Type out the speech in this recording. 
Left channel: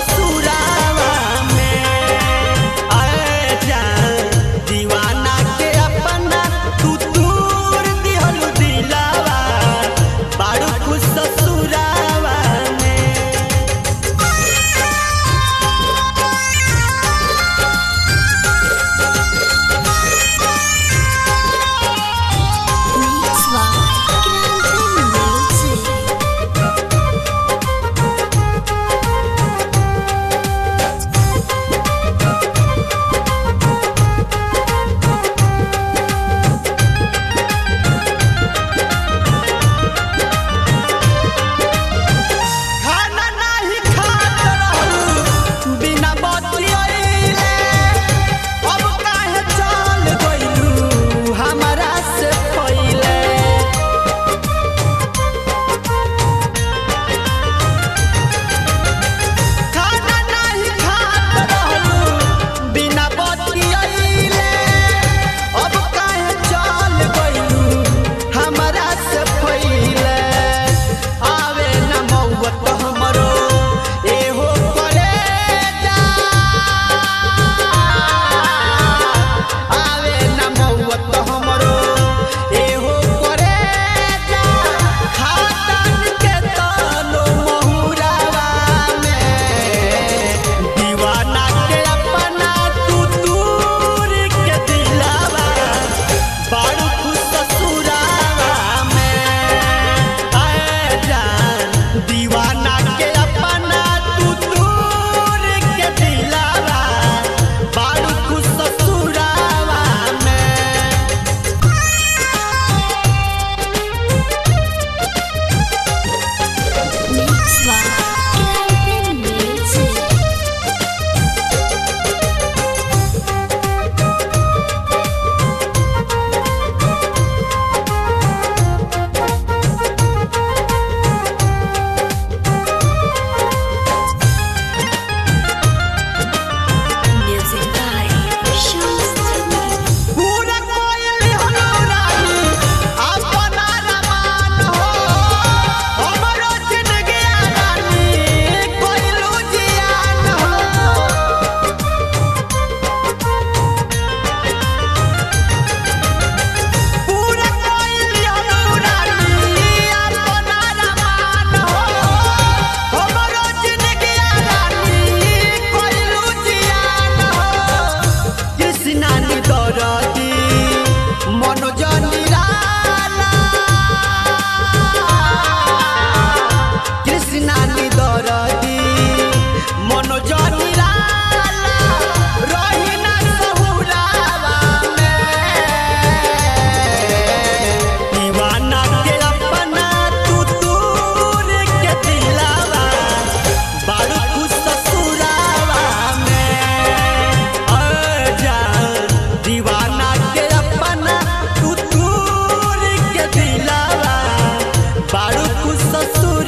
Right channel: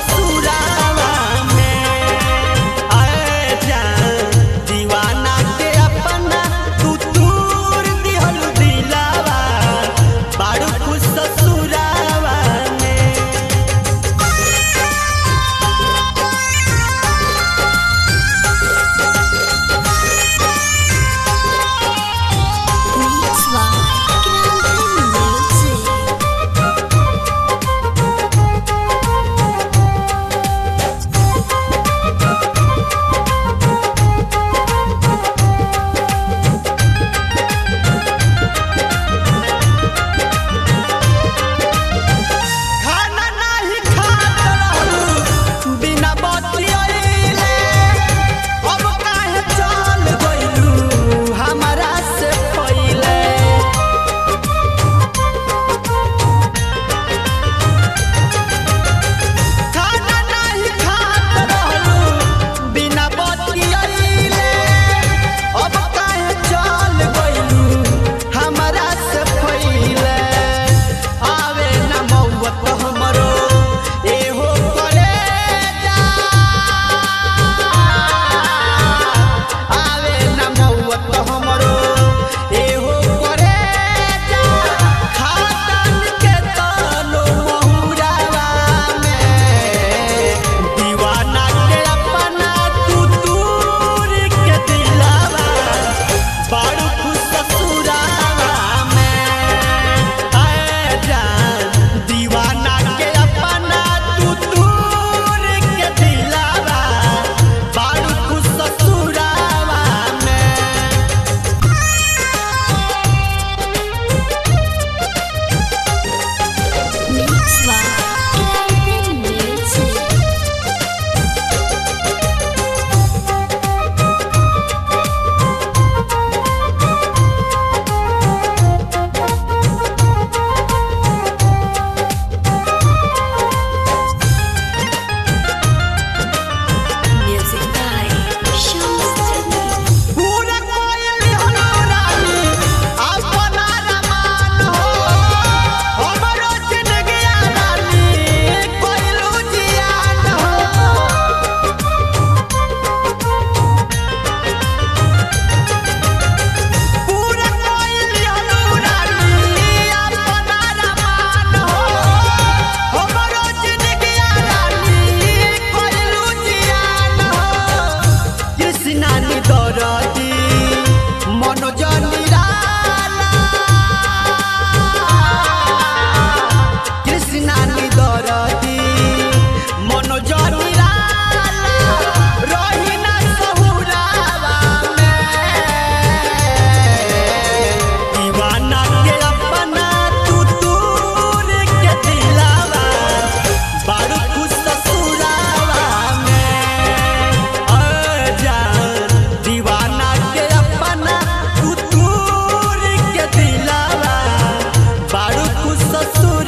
ससुरावा में। आए जान दीवाना के अपना तू दूर दिहलु दिलावा, बाड़ू खुश ससुरावा में। आवे न मौत हमरो एहो करे जा, आवे न मौत हमरो एहो करे जा, खातन के तनो महुरावा में। दीवाना के अपना तू दूर के दिलावा, बाड़ू खुश ससुरावा में। दीवाना के अपना तू दूर के दिलावा, बाड़ू खुश ससुरावा में। दरदी मनोज निराला, कृष्णा दरदी मनोज निराला, रही ना सहुरावा में। दीवाना के अपना तू दूर के दिलावा, बाड़ू खुश ससुरावा में। दीवाना के अपना तू दूर के दिलावा, बाड़ू खुश ससुर